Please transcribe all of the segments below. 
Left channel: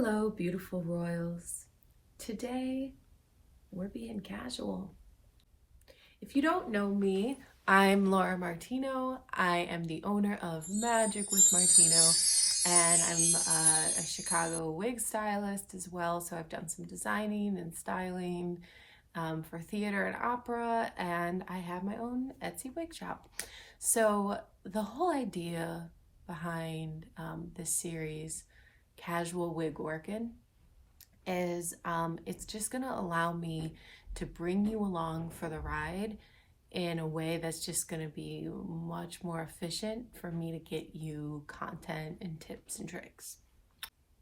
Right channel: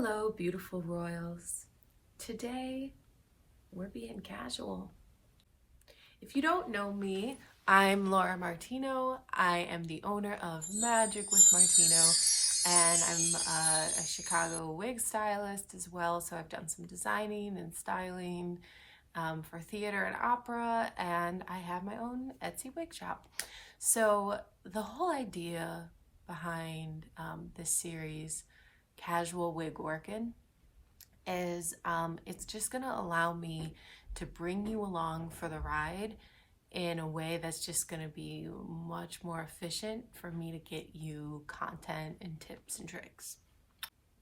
Hello, beautiful royals. Today, we're being casual. If you don't know me, I'm Laura Martino. I am the owner of Magic with Martino, and I'm a Chicago wig stylist as well. So I've done some designing and styling for theater and opera, and I have my own Etsy wig shop. So the whole idea behind this series, Casual Wig Workin, is it's just gonna allow me to bring you along for the ride in a way that's just gonna be much more efficient for me to get you content and tips and tricks.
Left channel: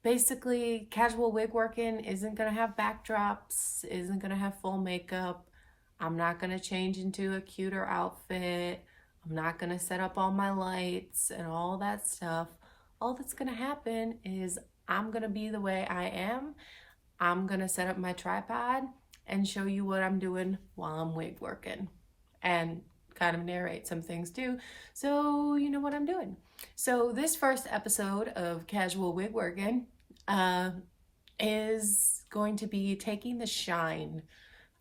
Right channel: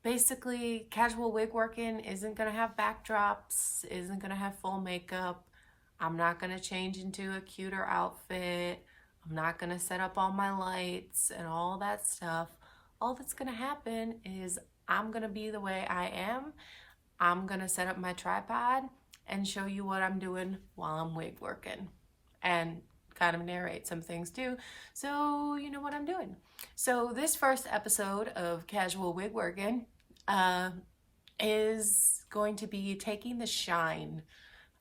Basically, Casual Wig Workin isn't gonna have backdrops, isn't gonna have full makeup. I'm not gonna change into a cuter outfit. I'm not gonna set up all my lights and all that stuff. All that's gonna happen is I'm gonna be the way I am. I'm gonna set up my tripod and show you what I'm doing while I'm wig working, and kind of narrate some things too, so you know what I'm doing. So this first episode of Casual Wig Workin is going to be taking the shine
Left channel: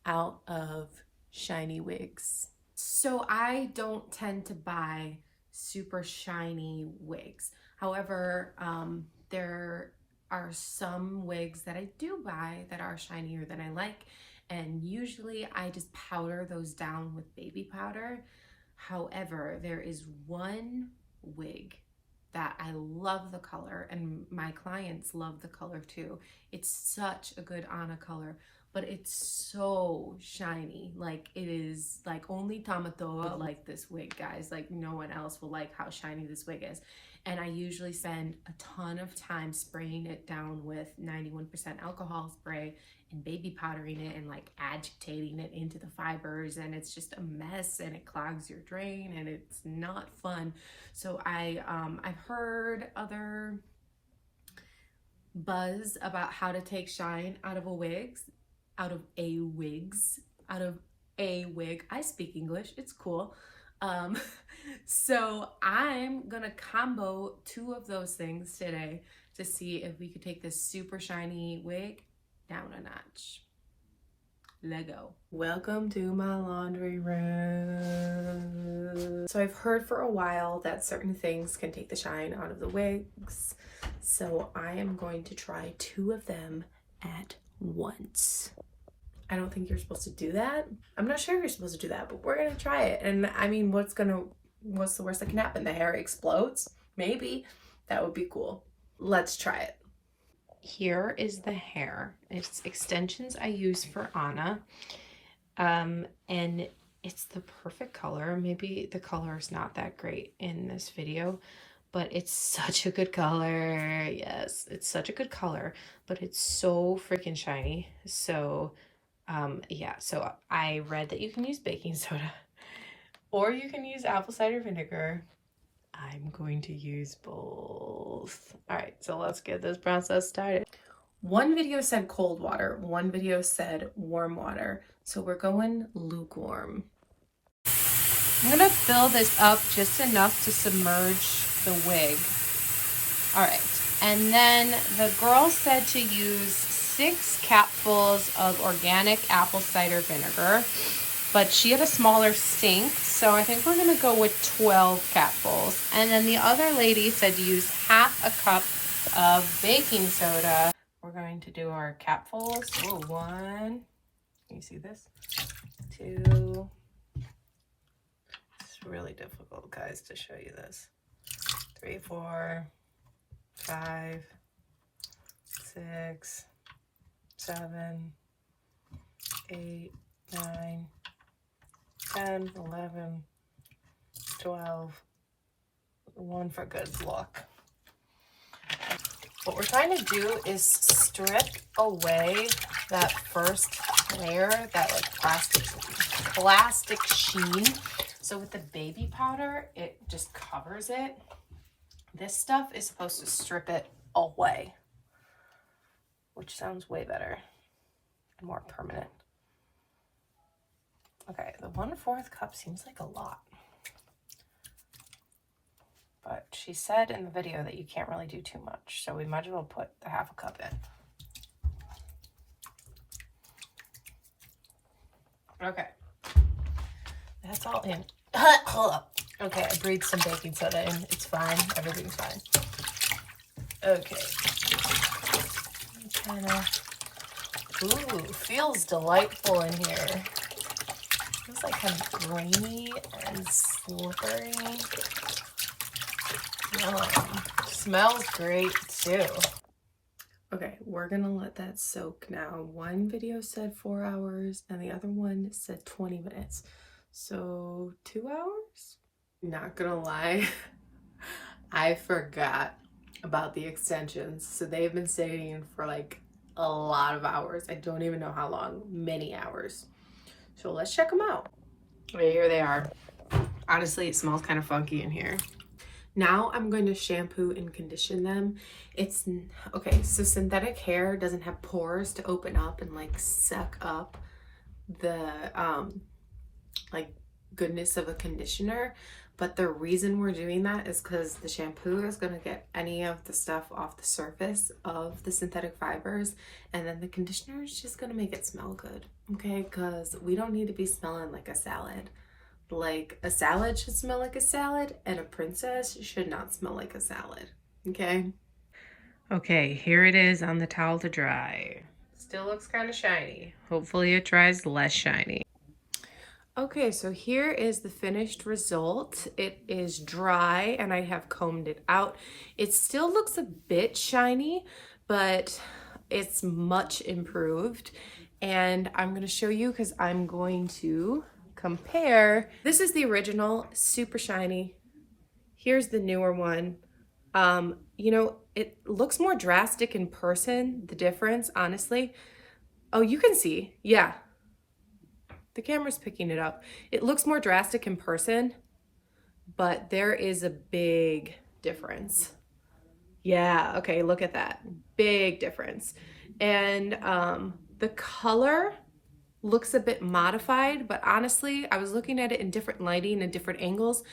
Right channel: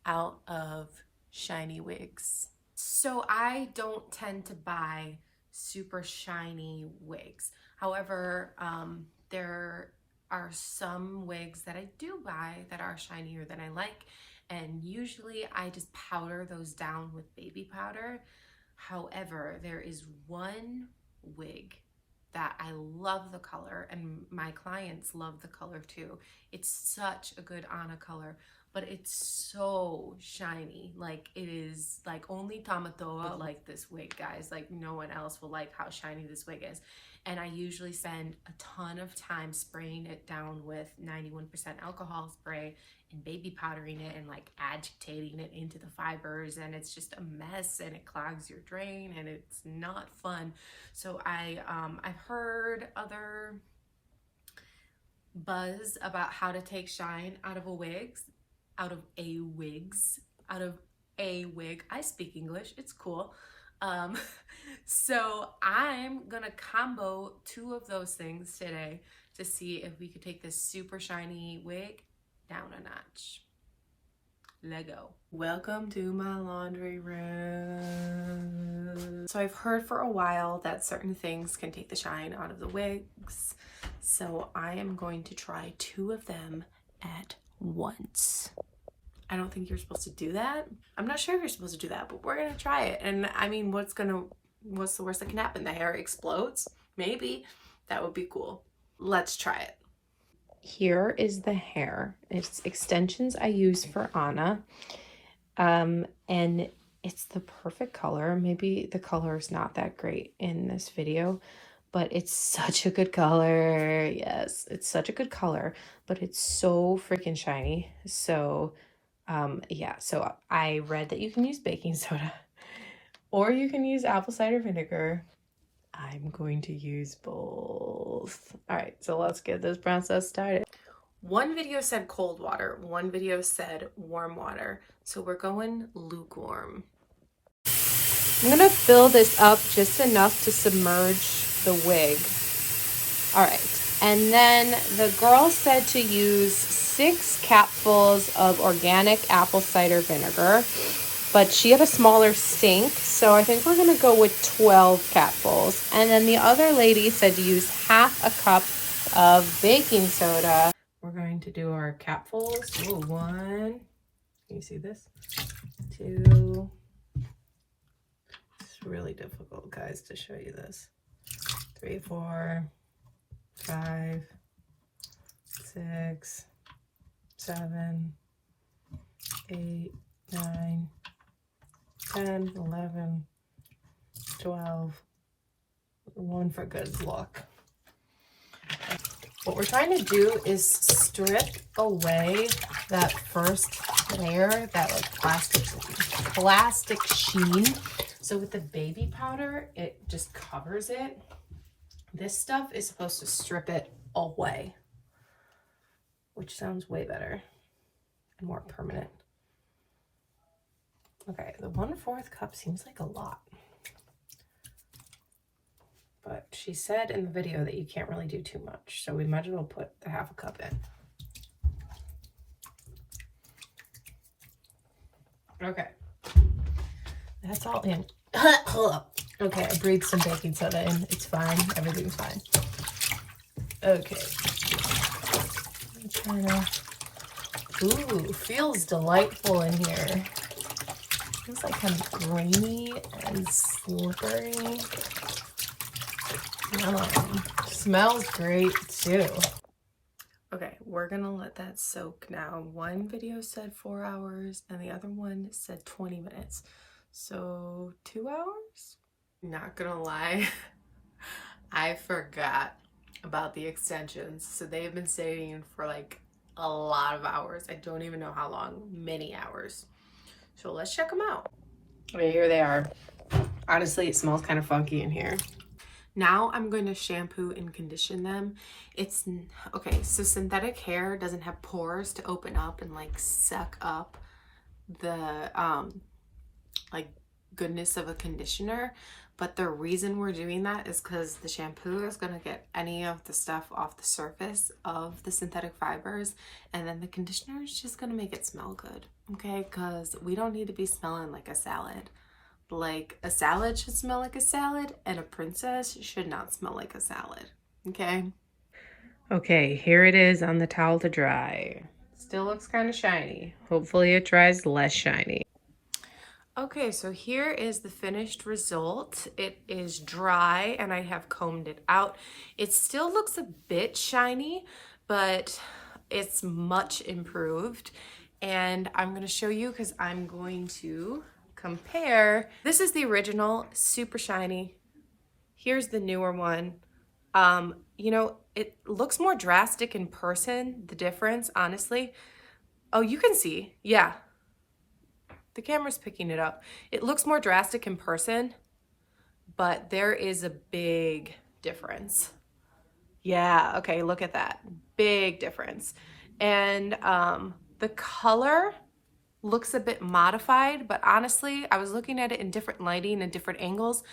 out of shiny wigs. So I don't tend to buy super shiny wigs. However, there are some wigs that I do buy that are shinier than I like, and usually I just powder those down with baby powder. However, there is one wig that I love the color, and my clients love the color too. It's such a good Anna color, but it's so shiny. Like, it is like only Tamatoa like this wig, guys. Like, no one else will like how shiny this wig is. And I usually spend a ton of time spraying it down with 91% alcohol spray and baby powdering it and like agitating it into the fibers, and it's just a mess and it clogs your drain and it's not fun. So I've heard other buzz about how to take shine out of a wig. I speak English, it's cool. So I'm gonna combo two of those things today to see if we could take this super shiny wig down a notch. Lego. Welcome to my laundry room. So I've heard for a while that certain things can take the shine out of the wigs. So I am going to try two of them at once. I don't think you're supposed to do that. I'm not sure if you're supposed to do that, but we're gonna try it. And I mean, what's the worst that can happen? The hair explodes? Maybe. That would be cool. Let's try it. Here is the hair. It's extensions I use for Anna. And it's the perfect color. Maybe the color is not that great in this video, but it's such a good color. Yes, it's such a good color, but it's so freaking shiny. So yeah, so I read that you can use baking soda or you can use apple cider vinegar. I'm going to use both. All right, so let's get this process started. One video said cold water, one video said warm water. So we're going lukewarm. I'm gonna fill this up just enough to submerge the wig. All right, and then the girl said to use 6 capfuls of organic apple cider vinegar, but she had a smaller sink, so I think we're gonna go with 12 capfuls. And then the other lady said to use half a cup of baking soda. We're going to do our capfuls. Oh, 1, can you see this? 2, it's really difficult, guys, to show you this. 3, 4, 5, 6, 7, 8, 9, 10, 11, 12, 1 for good luck. What we're trying to do is strip away that first layer, that like plastic sheen. So with the baby powder, it just covers it. This stuff is supposed to strip it away, which sounds way better and more permanent. Okay, the 1/4 cup seems like a lot, but she said in the video that you can't really do too much, so we might as well put the half a cup in. Okay. That's all in. Hold up. Okay, I breathed some baking soda in. It's fine. Everything's fine. Okay. Ooh, feels delightful in here. Feels like kind of grainy and slippery. Yum. Smells great too. Okay, we're gonna let that soak now. One video said 4 hours and the other one said 20 minutes. So 2 hours? Not gonna lie, I forgot about the extensions. So they've been staying for like a lot of hours. I don't even know how long, many hours. So let's check them out. Okay, here they are. Honestly, it smells kind of funky in here. Now I'm going to shampoo and condition them. It's, okay, so synthetic hair doesn't have pores to open up and like suck up the like goodness of a conditioner. But the reason we're doing that is because the shampoo is going to get any of the stuff off the surface of the synthetic fibers, and then the conditioner is just going to make it smell good, okay? Because we don't need to be smelling like a salad. Like, a salad should smell like a salad, and a princess should not smell like a salad, okay? Okay, here it is on the towel to dry. Still looks kind of shiny. Hopefully it dries less shiny. Okay, so here is the finished result. It is dry and I have combed it out. It still looks a bit shiny, but it's much improved. And I'm gonna show you because I'm going to compare. This is the original, super shiny. Here's the newer one. You know, it looks more drastic in person, the difference, honestly. Oh, you can see, yeah. The camera's picking it up. It looks more drastic in person, but there is a big difference. Yeah, okay, look at that. Big difference. And the color looks a bit modified, but honestly, I was looking at it in different lighting and different angles,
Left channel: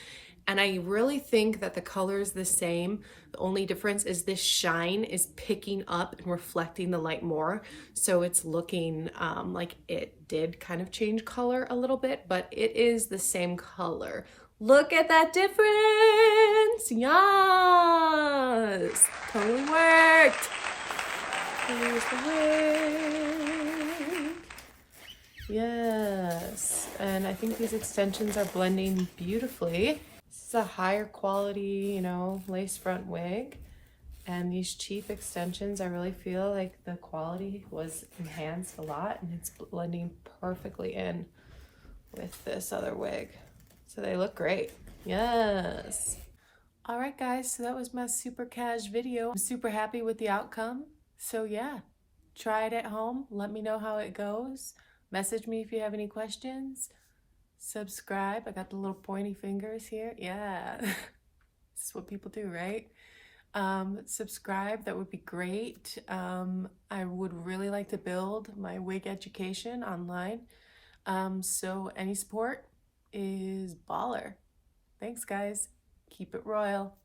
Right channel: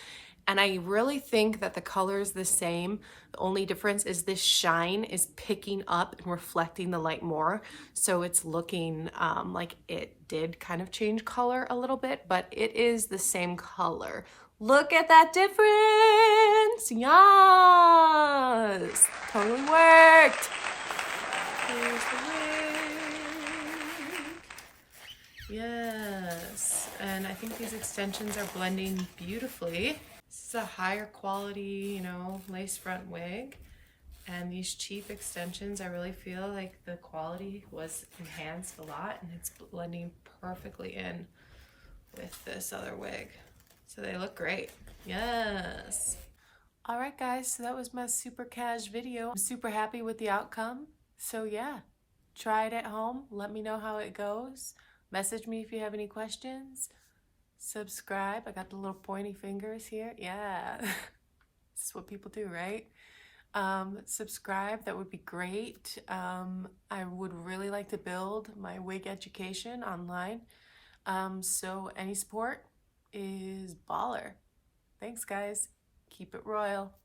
and I really think that the color is the same. The only difference is this shine is picking up and reflecting the light more. So it's looking like it did kind of change color a little bit, but it is the same color. Look at that difference. Yes, totally worked. Here's the wig. Yes, and I think these extensions are blending beautifully. This is a higher quality, you know, lace front wig, and these cheap extensions, I really feel like the quality was enhanced a lot, and it's blending perfectly in with this other wig. So they look great. Yes. All right, guys, so that was my super cash video. I'm super happy with the outcome. So yeah, try it at home. Let me know how it goes. Message me if you have any questions. Subscribe. I got the little pointy fingers here. Yeah. This is what people do, right? Subscribe. That would be great. I would really like to build my wig education online. So any support is baller. Thanks, guys. Keep it royal.